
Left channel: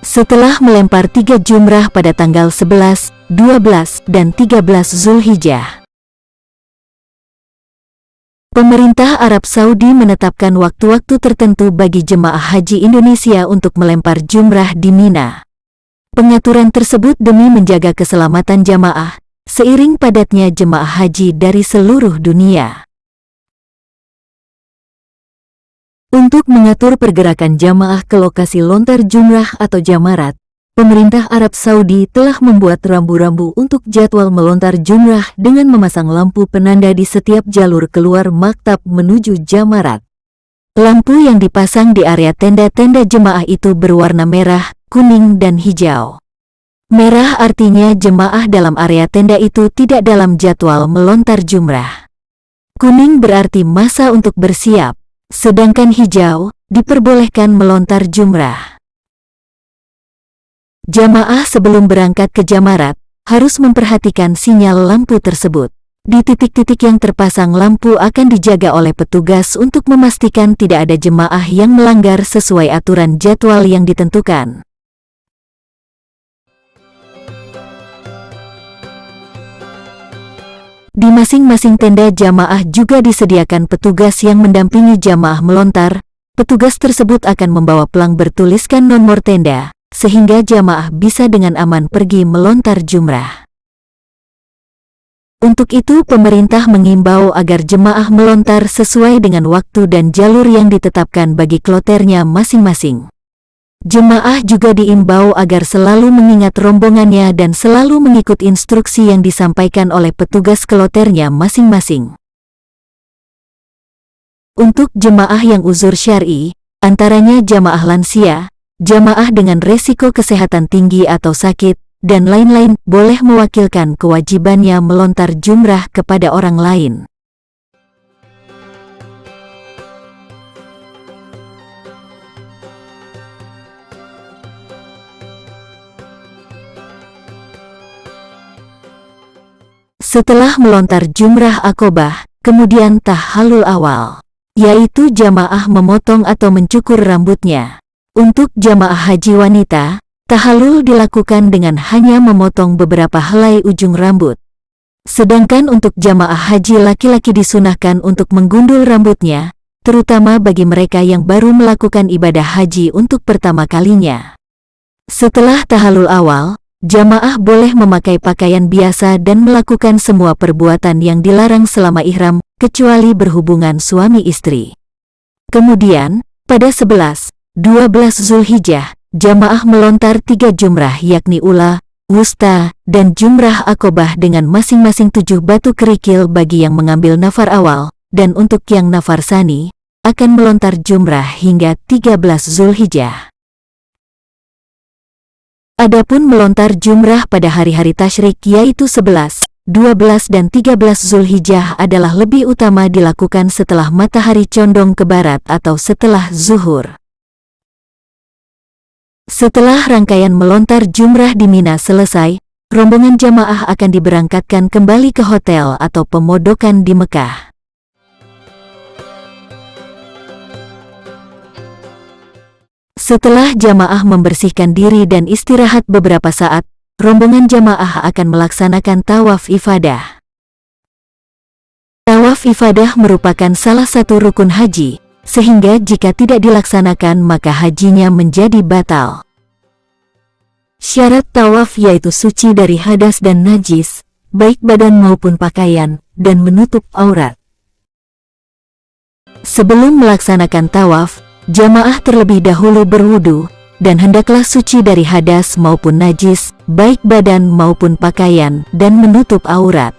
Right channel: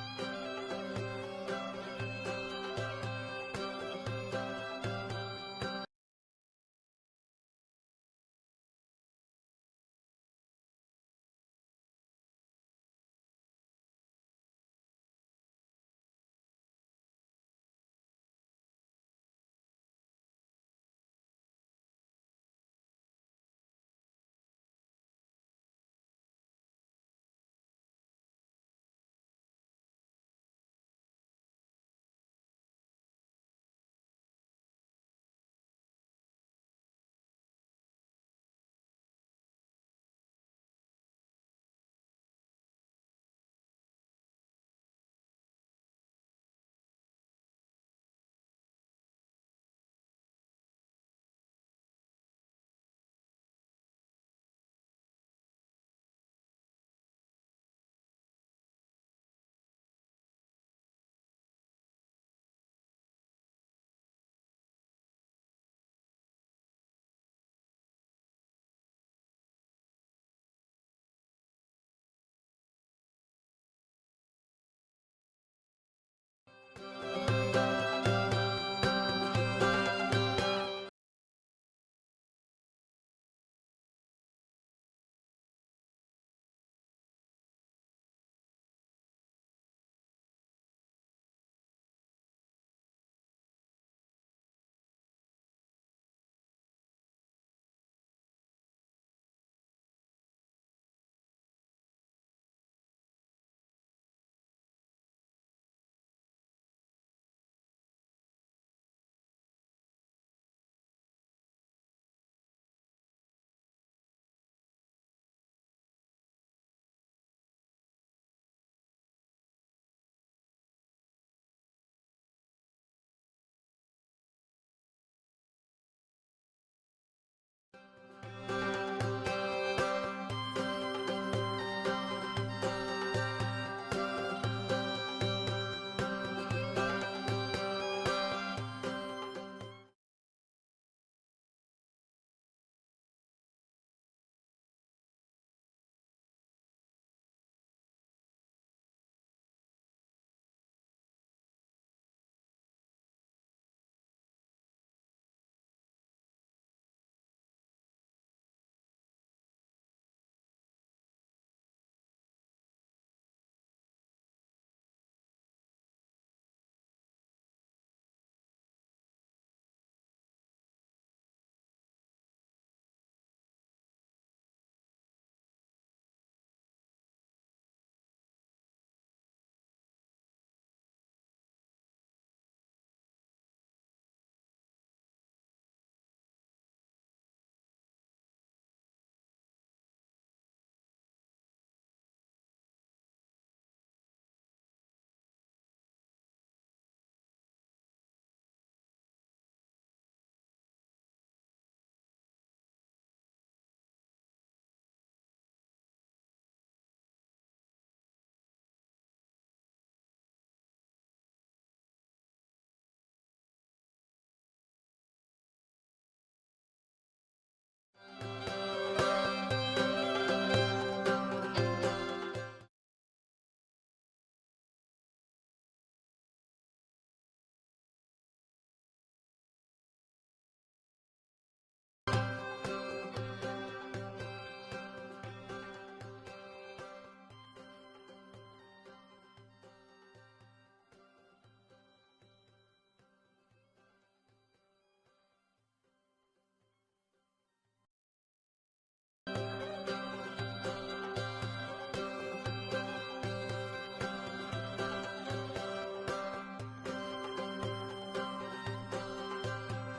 Setelah melempar 3 jumrah pada tanggal 11, 12, dan 13 Zulhijjah. Pemerintah Arab Saudi menetapkan waktu-waktu tertentu bagi jemaah haji Indonesia untuk melempar jumrah di Mina. Pengaturan tersebut demi menjaga keselamatan jamaah, seiring padatnya jemaah haji dari seluruh dunia. Untuk mengatur pergerakan jamaah ke lokasi lontar jumrah atau jamarat, pemerintah Arab Saudi telah membuat rambu-rambu untuk jadwal melontar jumrah dengan memasang lampu penanda di setiap jalur keluar maktab menuju jamarat. Lampu yang dipasang di area tenda-tenda jemaah itu berwarna merah, kuning, dan hijau. Merah artinya jemaah dalam area tenda itu tidak dalam jadwal melontar jumrah. Kuning berarti masa untuk bersiap, sedangkan hijau diperbolehkan melontar jumrah. Jamaah sebelum berangkat ke jamarat harus memperhatikan sinyal lampu tersebut. Di titik-titik yang terpasang lampu akan dijaga oleh petugas untuk memastikan tidak ada jemaah yang melanggar sesuai aturan jadwal yang ditentukan. Di masing-masing tenda jamaah juga disediakan petugas yang mendampingi jamaah melontar. Petugas tersebut akan membawa pelang bertuliskan nomor tenda, sehingga jamaah bisa dengan aman pergi melontar jumrah. Untuk itu pemerintah mengimbau agar jemaah melontar sesuai dengan waktu dan jalur yang ditetapkan bagi kloternya masing-masing. Jemaah juga diimbau agar selalu mengingat rombongannya dan selalu mengikut instruksi yang disampaikan oleh petugas kloternya masing-masing. Untuk jemaah yang uzur syar'i, antaranya jamaah lansia, jamaah dengan resiko kesehatan tinggi atau sakit, dan lain-lain, boleh mewakilkan kewajibannya melontar jumrah kepada orang lain. Setelah melontar jumrah aqobah, kemudian tahallul awal, yaitu jamaah memotong atau mencukur rambutnya. Untuk jamaah haji wanita, tahallul dilakukan dengan hanya memotong beberapa helai ujung rambut. Sedangkan untuk jamaah haji laki-laki disunahkan untuk menggundul rambutnya, terutama bagi mereka yang baru melakukan ibadah haji untuk pertama kalinya. Setelah tahallul awal, jamaah boleh memakai pakaian biasa dan melakukan semua perbuatan yang dilarang selama ihram, kecuali berhubungan suami istri. Kemudian, pada 11, 12 Zulhijjah, jamaah melontar 3 jumrah yakni ula, wusta, dan jumrah aqobah dengan masing-masing 7 batu kerikil bagi yang mengambil nafar awal, dan untuk yang nafar tsani, akan melontar jumrah hingga 13 Zulhijjah. Adapun melontar jumrah pada hari-hari tasyrik yaitu 11, 12 dan 13 Zulhijjah adalah lebih utama dilakukan setelah matahari condong ke barat atau setelah zuhur. Setelah rangkaian melontar jumrah di Mina selesai, rombongan jamaah akan diberangkatkan kembali ke hotel atau pemondokan di Mekah. Setelah jamaah membersihkan diri dan istirahat beberapa saat, rombongan jamaah akan melaksanakan tawaf ifadah. Tawaf ifadah merupakan salah satu rukun haji, sehingga jika tidak dilaksanakan maka hajinya menjadi batal. Syarat tawaf yaitu suci dari hadas dan najis, baik badan maupun pakaian, dan menutup aurat. Sebelum melaksanakan tawaf, jamaah terlebih dahulu berwudu, dan hendaklah suci dari hadas maupun najis, baik badan maupun pakaian, dan menutup aurat.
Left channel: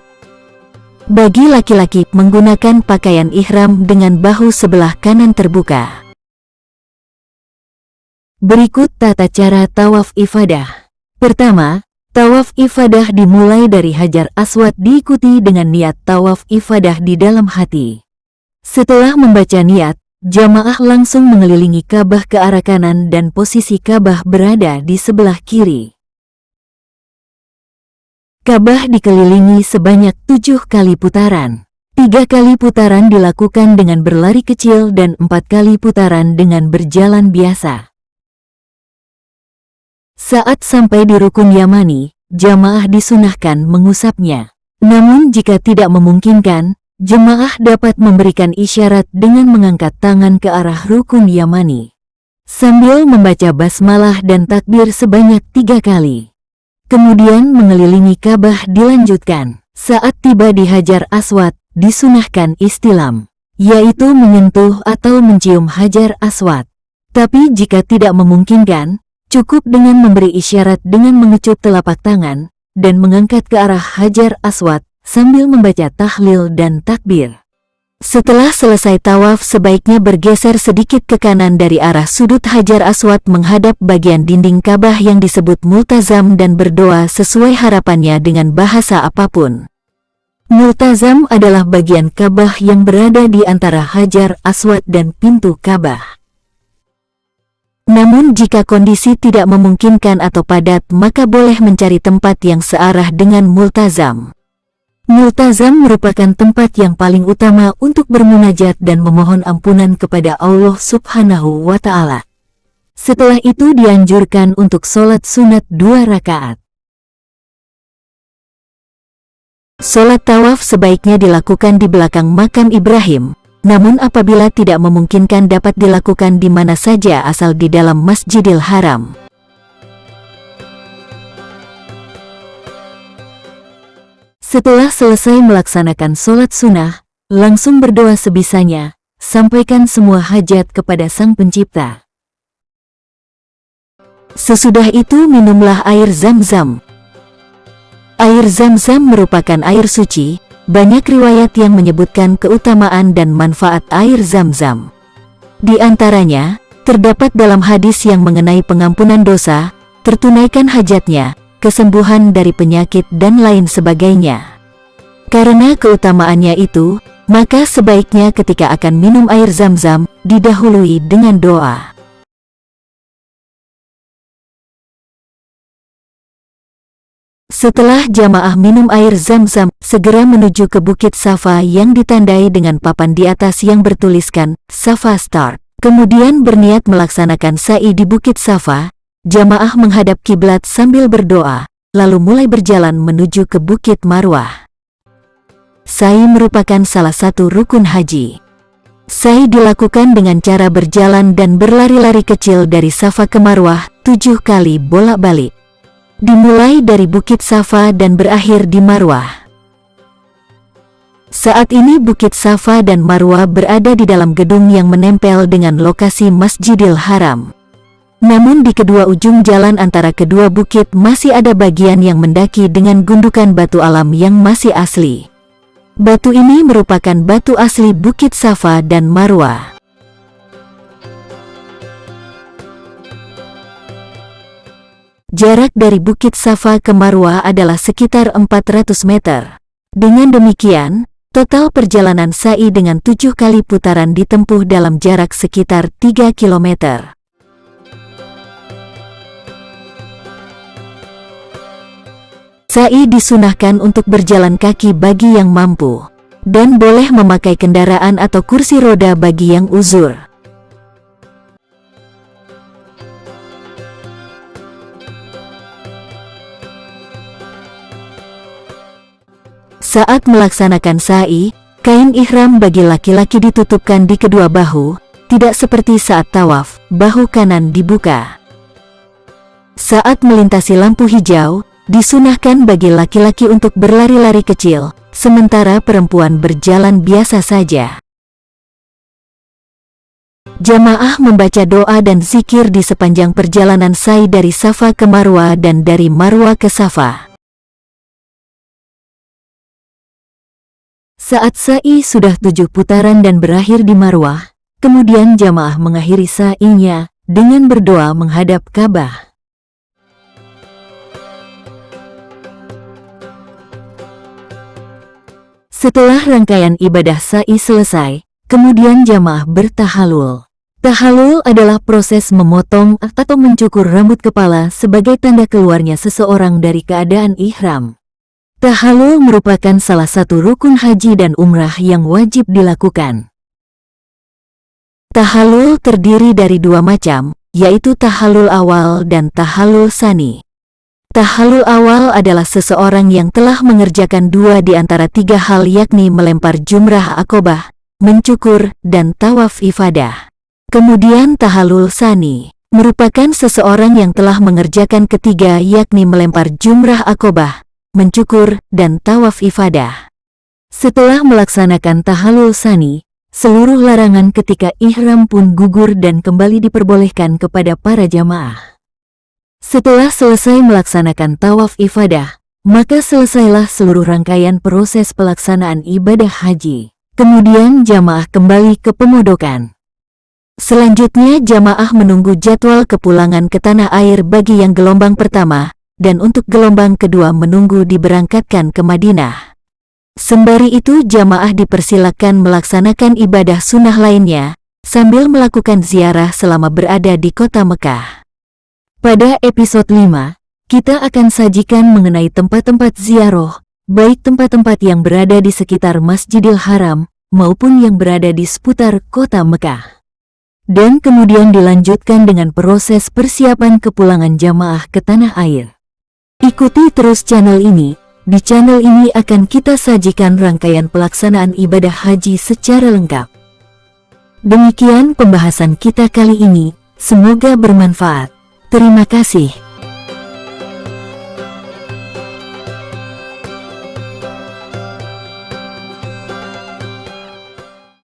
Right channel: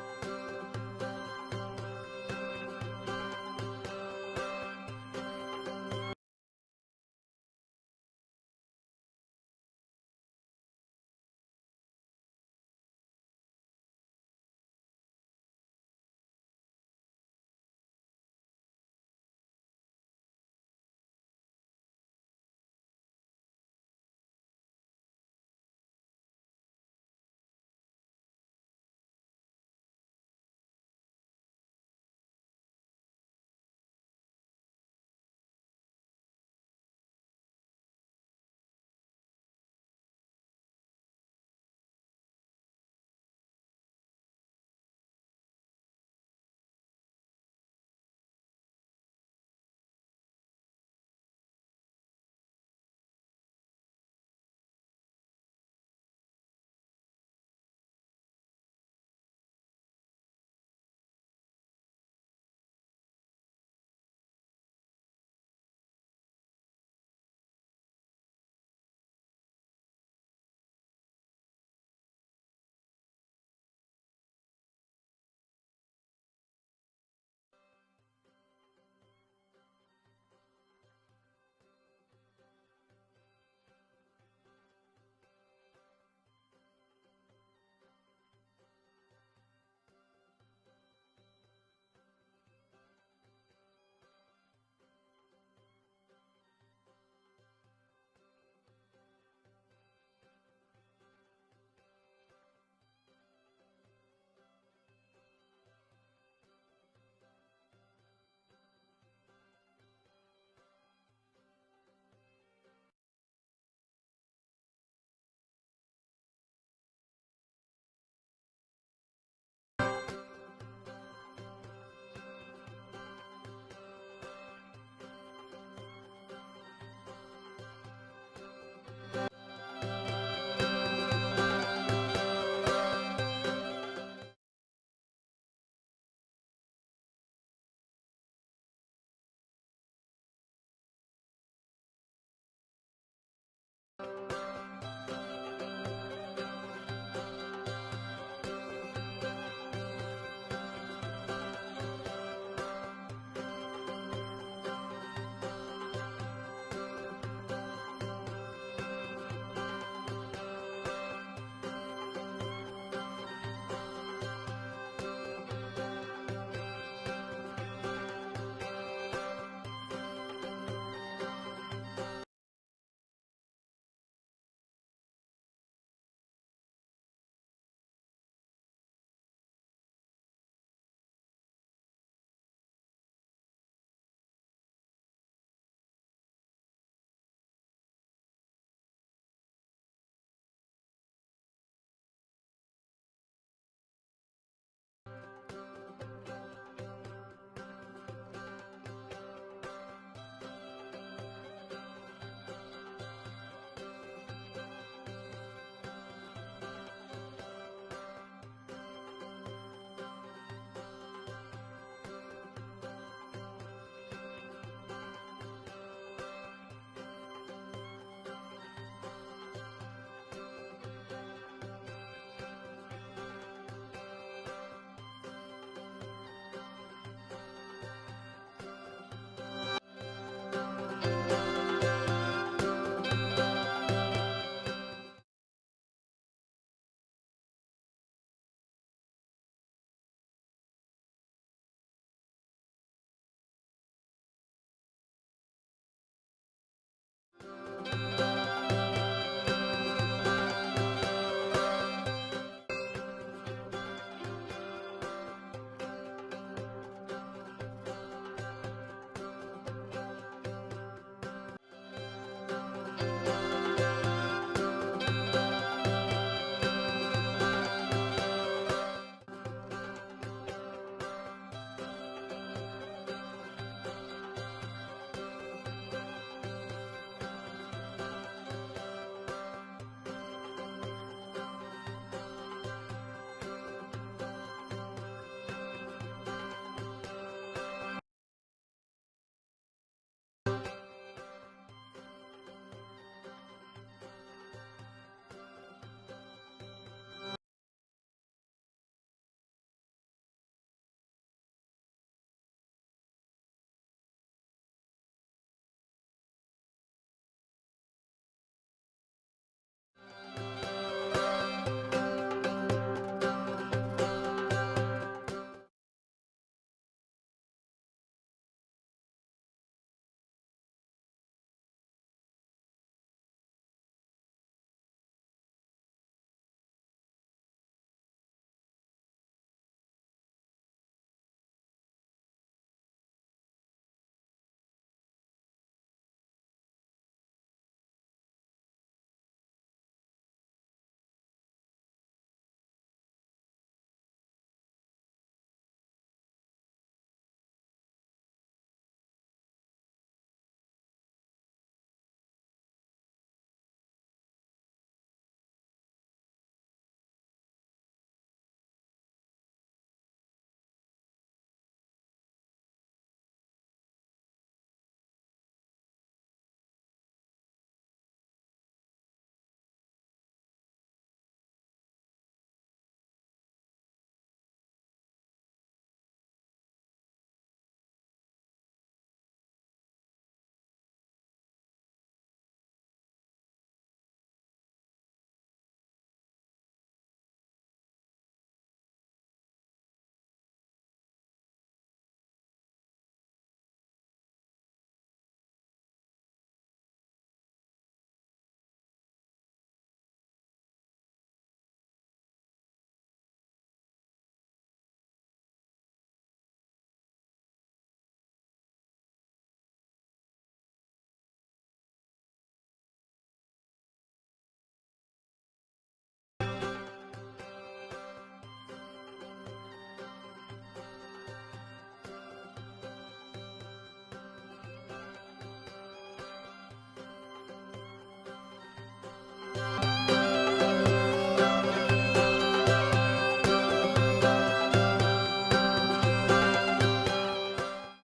Bagi laki-laki, menggunakan pakaian ihram dengan bahu sebelah kanan terbuka. Berikut tata cara tawaf ifadah. Pertama, tawaf ifadah dimulai dari Hajar Aswad diikuti dengan niat tawaf ifadah di dalam hati. Setelah membaca niat, jamaah langsung mengelilingi Ka'bah ke arah kanan dan posisi Ka'bah berada di sebelah kiri. Ka'bah dikelilingi sebanyak 7 kali putaran. 3 kali putaran dilakukan dengan berlari kecil dan 4 kali putaran dengan berjalan biasa. Saat sampai di rukun Yamani, jamaah disunahkan mengusapnya. Namun jika tidak memungkinkan, jemaah dapat memberikan isyarat dengan mengangkat tangan ke arah rukun Yamani sambil membaca basmalah dan takbir sebanyak 3 kali. Kemudian mengelilingi Ka'bah dilanjutkan. Saat tiba di Hajar Aswad, disunahkan istilam, yaitu menyentuh atau mencium Hajar Aswad. Tapi jika tidak memungkinkan, cukup dengan memberi isyarat dengan mengecup telapak tangan dan mengangkat ke arah Hajar Aswad sambil membaca tahlil dan takbir. Setelah selesai tawaf, sebaiknya bergeser sedikit ke kanan dari arah sudut Hajar Aswad menghadap bagian dinding Ka'bah yang disebut multazam dan berdoa sesuai harapannya dengan bahasa apapun. Multazam adalah bagian Ka'bah yang berada di antara Hajar Aswad dan pintu Ka'bah. Namun jika kondisi tidak memungkinkan atau padat, maka boleh mencari tempat yang searah dengan multazam. Multazam merupakan tempat yang paling utama untuk bermunajat dan memohon ampunan kepada Allah Subhanahu wa Ta'ala. Setelah itu dianjurkan untuk sholat sunat 2 rakaat. Sholat tawaf sebaiknya dilakukan di belakang makam Ibrahim, namun apabila tidak memungkinkan dapat dilakukan di mana saja asal di dalam Masjidil Haram. Setelah selesai melaksanakan sholat sunnah, langsung berdoa sebisanya, sampaikan semua hajat kepada Sang Pencipta. Sesudah itu minumlah air Zam-Zam. Air Zam-Zam merupakan air suci. Banyak riwayat yang menyebutkan keutamaan dan manfaat air Zam-Zam. Di antaranya, terdapat dalam hadis yang mengenai pengampunan dosa, tertunaikan hajatnya, kesembuhan dari penyakit dan lain sebagainya. Karena keutamaannya itu, maka sebaiknya ketika akan minum air Zam-Zam, didahului dengan doa. Setelah jamaah minum air Zam-Zam, segera menuju ke Bukit Safa yang ditandai dengan papan di atas yang bertuliskan Safa Start. Kemudian berniat melaksanakan sa'i di Bukit Safa, jamaah menghadap kiblat sambil berdoa, lalu mulai berjalan menuju ke Bukit Marwah. Sa'i merupakan salah satu rukun haji. Sa'i dilakukan dengan cara berjalan dan berlari-lari kecil dari Safa ke Marwah 7 kali bolak-balik. Dimulai dari Bukit Safa dan berakhir di Marwah. Saat ini Bukit Safa dan Marwah berada di dalam gedung yang menempel dengan lokasi Masjidil Haram. Namun di kedua ujung jalan antara kedua bukit masih ada bagian yang mendaki dengan gundukan batu alam yang masih asli. Batu ini merupakan batu asli Bukit Safa dan Marwah. Jarak dari Bukit Safa ke Marwah adalah sekitar 400 meter. Dengan demikian, total perjalanan sa'i dengan 7 kali putaran ditempuh dalam jarak sekitar 3 km. Sa'i disunahkan untuk berjalan kaki bagi yang mampu, dan boleh memakai kendaraan atau kursi roda bagi yang uzur. Saat melaksanakan sa'i, kain ihram bagi laki-laki ditutupkan di kedua bahu, tidak seperti saat tawaf, bahu kanan dibuka. Saat melintasi lampu hijau, disunahkan bagi laki-laki untuk berlari-lari kecil, sementara perempuan berjalan biasa saja. Jamaah membaca doa dan zikir di sepanjang perjalanan sa'i dari Safa ke Marwa dan dari Marwa ke Safa. Saat sa'i sudah 7 putaran dan berakhir di Marwah, kemudian jamaah mengakhiri sa'inya dengan berdoa menghadap Ka'bah. Setelah rangkaian ibadah sa'i selesai, kemudian jamaah bertahalul. Tahalul adalah proses memotong atau mencukur rambut kepala sebagai tanda keluarnya seseorang dari keadaan ihram. Tahalul merupakan salah satu rukun haji dan umrah yang wajib dilakukan. Tahalul terdiri dari 2 macam, yaitu tahalul awal dan tahalul tsani. Tahalul awal adalah seseorang yang telah mengerjakan 2 di antara 3 hal, yakni melempar jumrah Aqobah, mencukur, dan tawaf ifadah. Kemudian tahalul tsani merupakan seseorang yang telah mengerjakan ketiga, yakni melempar jumrah Aqobah, mencukur, dan tawaf ifadah. Setelah melaksanakan tahalul tsani, seluruh larangan ketika ihram pun gugur dan kembali diperbolehkan kepada para jamaah. Setelah selesai melaksanakan tawaf ifadah, maka selesailah seluruh rangkaian proses pelaksanaan ibadah haji. Kemudian jamaah kembali ke pemodokan. Selanjutnya jamaah menunggu jadwal kepulangan ke tanah air bagi yang gelombang pertama, dan untuk gelombang kedua menunggu diberangkatkan ke Madinah. Sembari itu jamaah dipersilakan melaksanakan ibadah sunnah lainnya, sambil melakukan ziarah selama berada di kota Mekah. Pada episode 5, kita akan sajikan mengenai tempat-tempat ziarah, baik tempat-tempat yang berada di sekitar Masjidil Haram, maupun yang berada di seputar kota Mekah. Dan kemudian dilanjutkan dengan proses persiapan kepulangan jamaah ke tanah air. Ikuti terus channel ini. Di channel ini akan kita sajikan rangkaian pelaksanaan ibadah haji secara lengkap. Demikian pembahasan kita kali ini, semoga bermanfaat. Terima kasih.